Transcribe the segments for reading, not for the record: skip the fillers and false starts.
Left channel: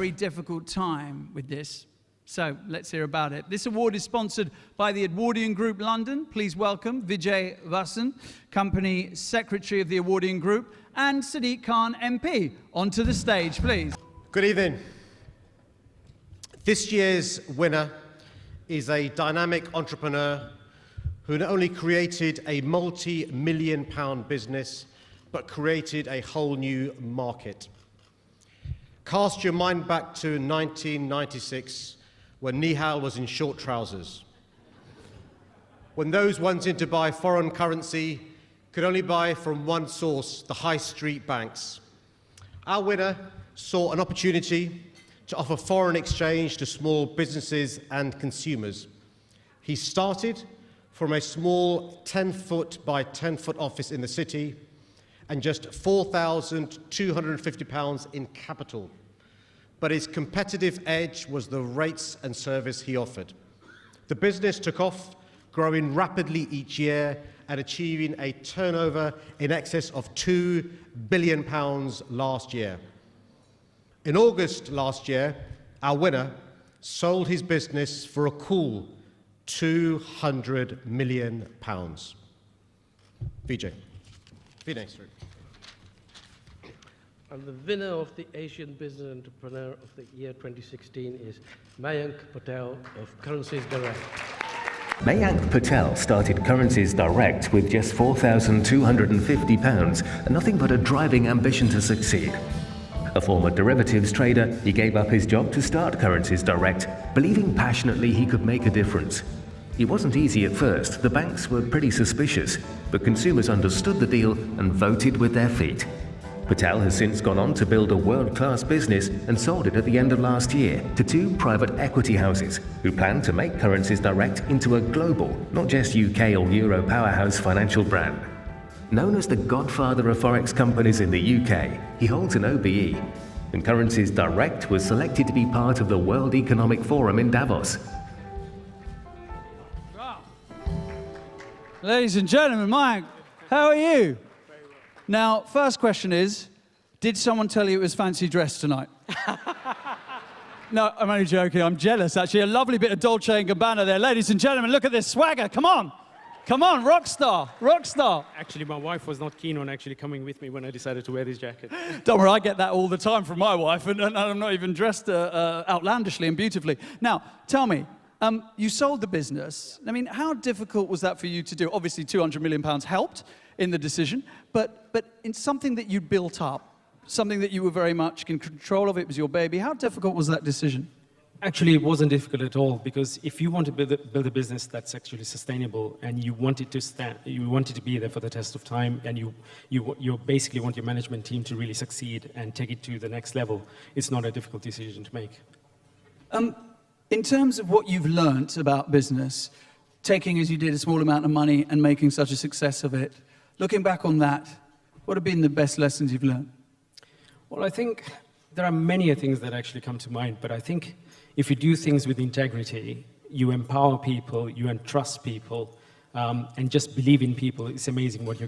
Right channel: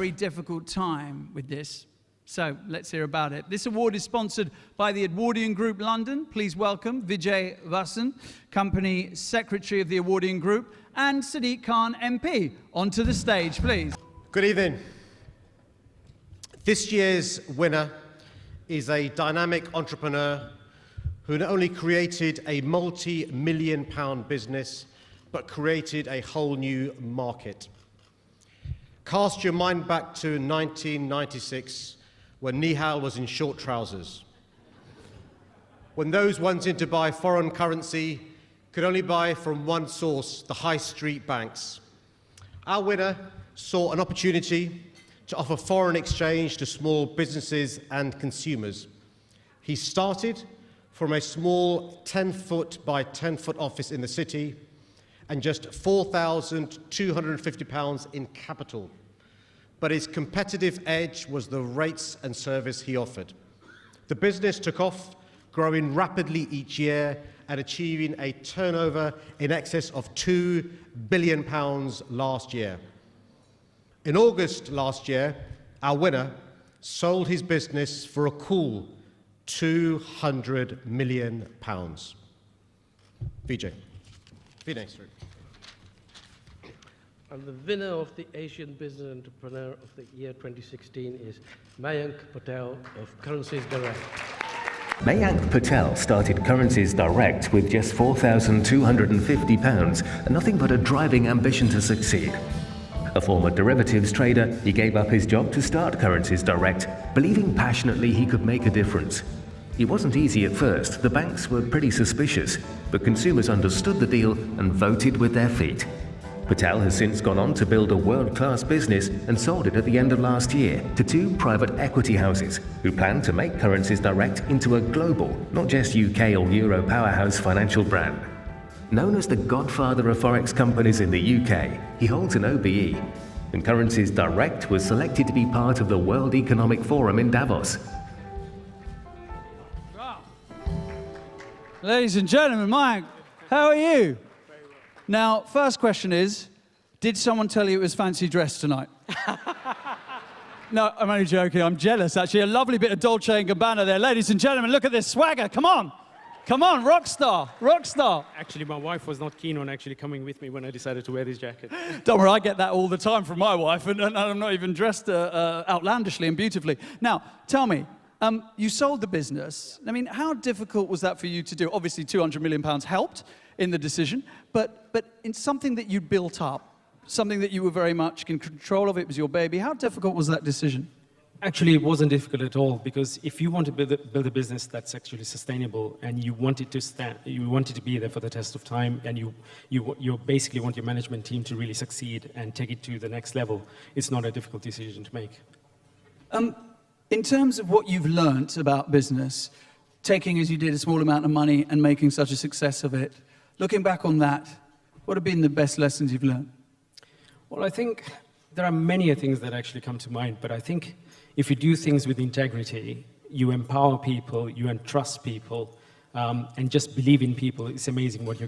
very difficult time with this. So let's hear about it. This award is sponsored by the Edwardian Group London. Please welcome Vijay Vasan, Company Secretary of the Edwardian Group, and Sadiq Khan MP. Onto the stage, please. Good evening. This year's winner is a dynamic entrepreneur who not only created a multi-million-pound business, but created a whole new market. Cast your mind back to 1996, when Nihal was in short trousers. When those wanting to buy foreign currency could only buy from one source, the high street banks. Our winner saw an opportunity to offer foreign exchange to small businesses and consumers. He started from a small 10-foot by 10-foot office in the city and just £4,250 in capital. But his competitive edge was the rates and service he offered. The business took off, growing rapidly each year and achieving a turnover in excess of £2 billion last year. In August last year, our winner sold his business for a cool £200 million. Vijay. Next. And the winner of the Asian Business Entrepreneur of the Year 2016 is Mayank Patel of Currencies Direct. Mayank Patel started Currencies Direct with just £4,250 and nothing but a driving ambition to succeed. A former derivatives trader, he gave up his job to start Currencies Direct, believing passionately he could make a difference. It wasn't easy at first. The banks were pretty suspicious, but consumers understood the deal and voted with their feet. Patel has since gone on to build a world-class business and sold it at the end of last year to two private equity houses who plan to make Currencies Direct into a global, not just UK or Euro powerhouse financial brand. Known as the godfather of forex companies in the UK, he holds an OBE, and Currencies Direct was selected to be part of the World Economic Forum in Davos. Wow. Ladies and gentlemen, Mayank, how are you? Now, first question is, did someone tell you it was fancy dress tonight? No, I'm only joking. I'm jealous, actually. A lovely bit of Dolce & Gabbana there. Ladies and gentlemen, look at this swagger. Come on. Come on, rock star, rock star. Actually, my wife was not keen on actually coming with me when I decided to wear this jacket. Don't worry, I get that all the time from my wife, and I'm not even dressed outlandishly and beautifully. Now, tell me, you sold the business. I mean, how difficult was that for you to do? Obviously, £200 million helped in the decision, but in something that you built up, something that you were very much in control of, it was your baby. How difficult was that decision? Actually, it wasn't difficult at all, because if you want to build a business that's actually sustainable and you want it to stand, you want it to be there for the test of time, and you basically want your management team to really succeed and take it to the next level, it's not a difficult decision to make. In terms of what you've learnt about business, taking, as you did, a small amount of money and making such a success of it, looking back on that, what have been the best lessons you've learned? Well, I think there are many things that actually come to mind, but I think if you do things with integrity, you empower people, you entrust people, and just believe in people, it's amazing what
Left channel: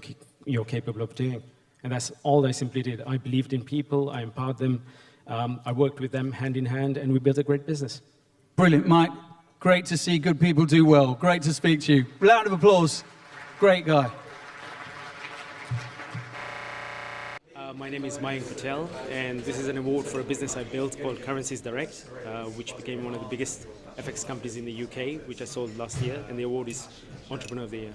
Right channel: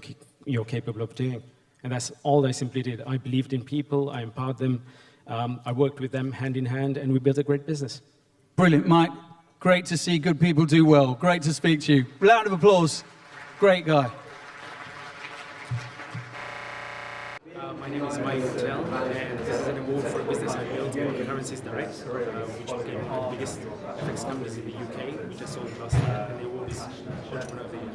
you're capable of doing. And that's all I simply did. I believed in people, I empowered them, I worked with them hand in hand, and we built a great business. Brilliant, Mike. Great to see good people do well. Great to speak to you. Round of applause. Great guy. My name is Mayank Patel, and this is an award for a business I built called Currencies Direct, which became one of the biggest FX companies in the UK, which I sold last year, and the award is Entrepreneur of the Year.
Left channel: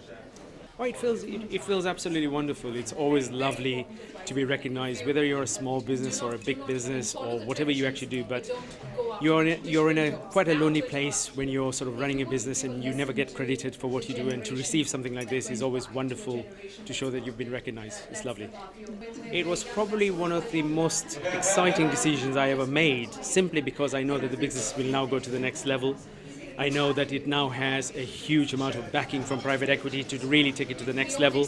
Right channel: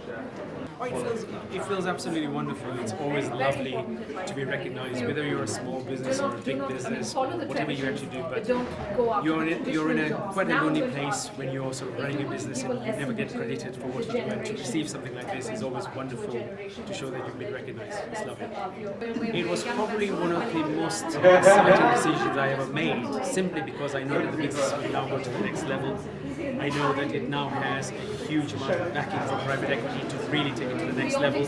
Oh, it feels absolutely wonderful. It's always lovely to be recognized, whether you're a small business or a big business or whatever you actually do, but you're in quite a lonely place when you're sort of running a business and you never get credited for what you do, and to receive something like this is always wonderful to show that you've been recognized. It's lovely. It was probably one of the most exciting decisions I ever made, simply because I know that the business will now go to the next level. I know that it now has a huge amount of backing from private equity to really take it to the next level.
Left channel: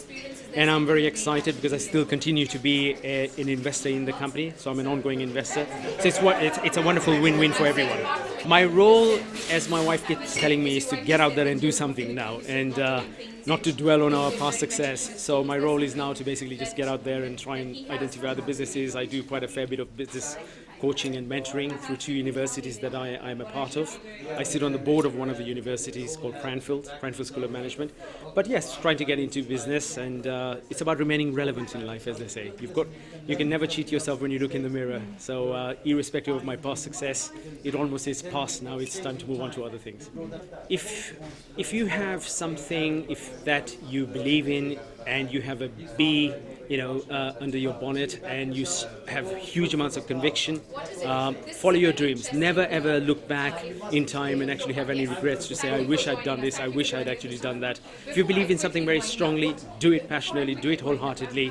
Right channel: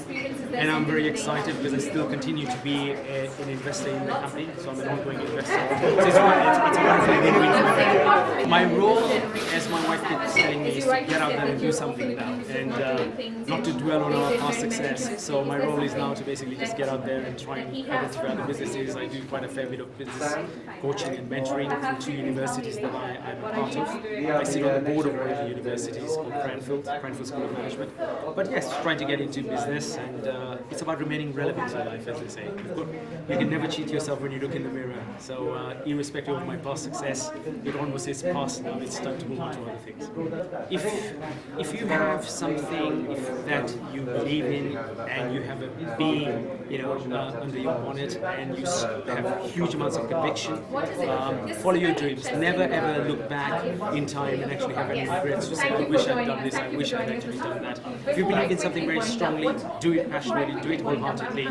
and I'm very excited because I still continue to be an investor in the company, so I'm an ongoing investor. So it's a wonderful win-win for everybody. My role, as my wife keeps telling me, is to get out there and do something now, and not to dwell on our past success. So my role is now to basically just get out there and try and identify other businesses. I do quite a fair bit of business coaching and mentoring through 2 universities that I'm a part of. I sit on the board of one of the universities called Cranfield School of Management. But yes, trying to get into business, and it's about remaining relevant in life, as they say. You can never cheat yourself when you look in the mirror. So irrespective of my past success, it almost is past now. It's time to move on to other things. If you have something that you believe in and you have a bee, under your bonnet, and you have huge amounts of conviction, follow your dreams. Never ever look back in time and actually have any regrets to say, I wish I'd done this, I wish I'd actually done that. If you believe in something very strongly, do it passionately, do it wholeheartedly.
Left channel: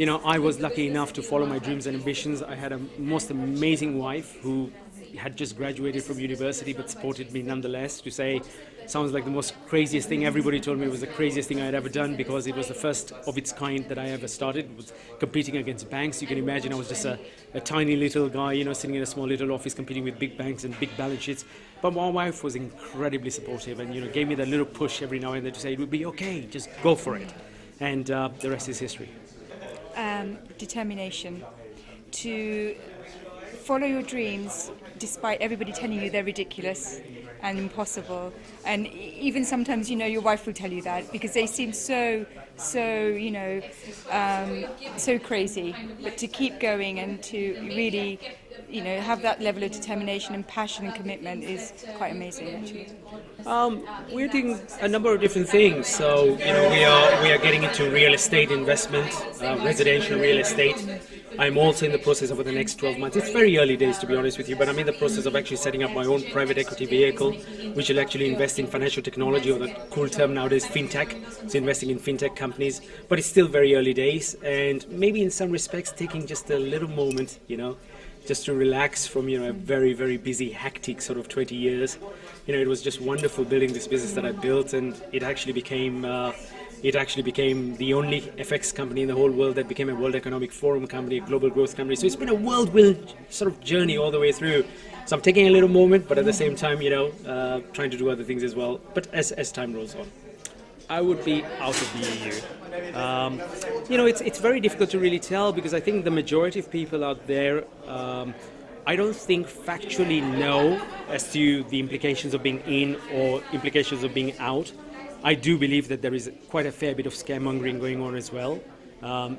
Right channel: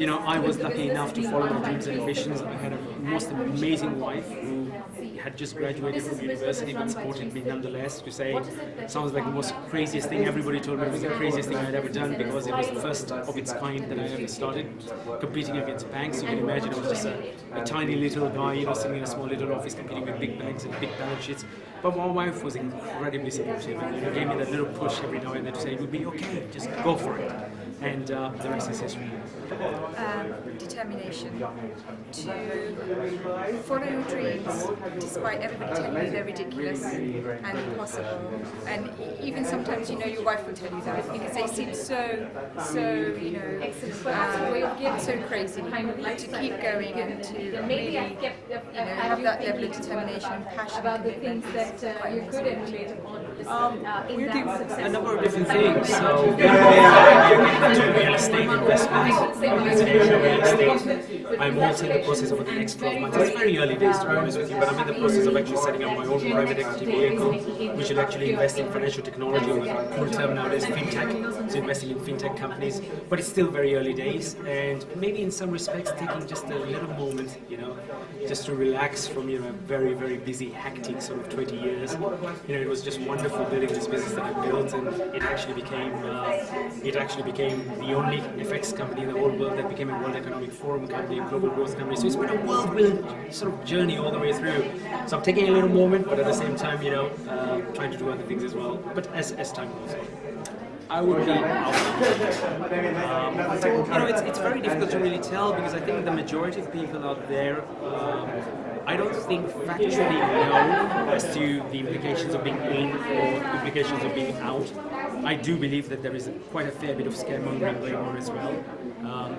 I was lucky enough to follow my dreams and ambitions. I had a most amazing wife who had just graduated from university but supported me nonetheless. To say, sounds like the most craziest thing. Everybody told me it was the craziest thing I had ever done because it was the first of its kind that I ever started, competing against banks. You can imagine I was just a tiny little guy, sitting in a small little office competing with big banks and big balance sheets. But my wife was incredibly supportive and gave me that little push every now and then to say it would be okay, just go for it. And the rest is history. Determination to follow your dreams despite everybody telling you they're ridiculous and impossible, and even sometimes your wife will tell you that because they seem so crazy. To keep going and to really have that level of determination and passion and commitment is quite amazing actually. We're doing a number of different things. So we are getting into real estate investment, residential real estate. I'm also in the process over the next 12 months. It's very early days, to be honest with you, but I'm in the process of actually setting up my own private equity vehicle, which will actually invest in financial technology, or the cool term nowadays, fintech. So investing in fintech companies, but it's still very early days, and maybe in some respects taking just a little moment, just to relax from a very, very busy, hectic sort of 20 years. It was just wonderful building this business that I built, and it actually became the only FX company in the whole world that became a World Economic Forum company, a global growth company. So it's been a whirlwind sort of journey all the way through. So I'm taking a little moment, but at the same time, trying to do other things as well. But as time rolls on, I would be out of here. It's very difficult to really tell because I think the majority of people out there, I don't think factually know as to the implications of being in or implications of being out. I do believe that there is quite a fair bit of scaremongering going on as well.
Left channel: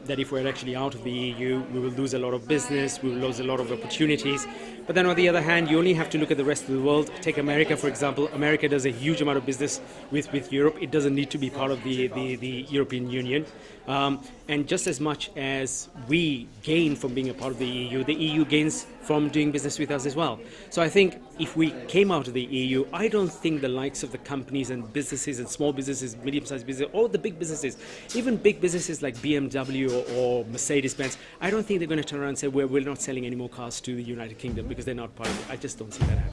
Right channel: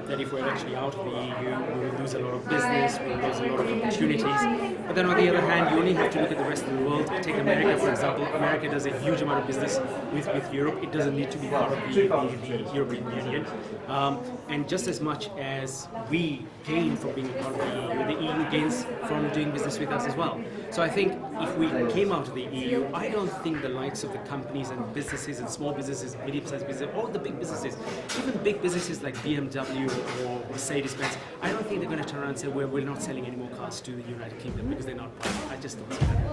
That if we're actually out of the EU, we will lose a lot of business, we will lose a lot of opportunities. But then on the other hand, you only have to look at the rest of the world. Take America, for example. America does a huge amount of business with Europe. It doesn't need to be part of the European Union. And just as much as we gain from being a part of the EU gains from doing business with us as well. So I think if we came out of the EU, I don't think the likes of the companies and businesses and small businesses, medium-sized businesses, or the big businesses, even big businesses like BMW or Mercedes-Benz, I don't think they're going to turn around and say, we're not selling any more cars to the United Kingdom because they're not part of it. I just don't see that.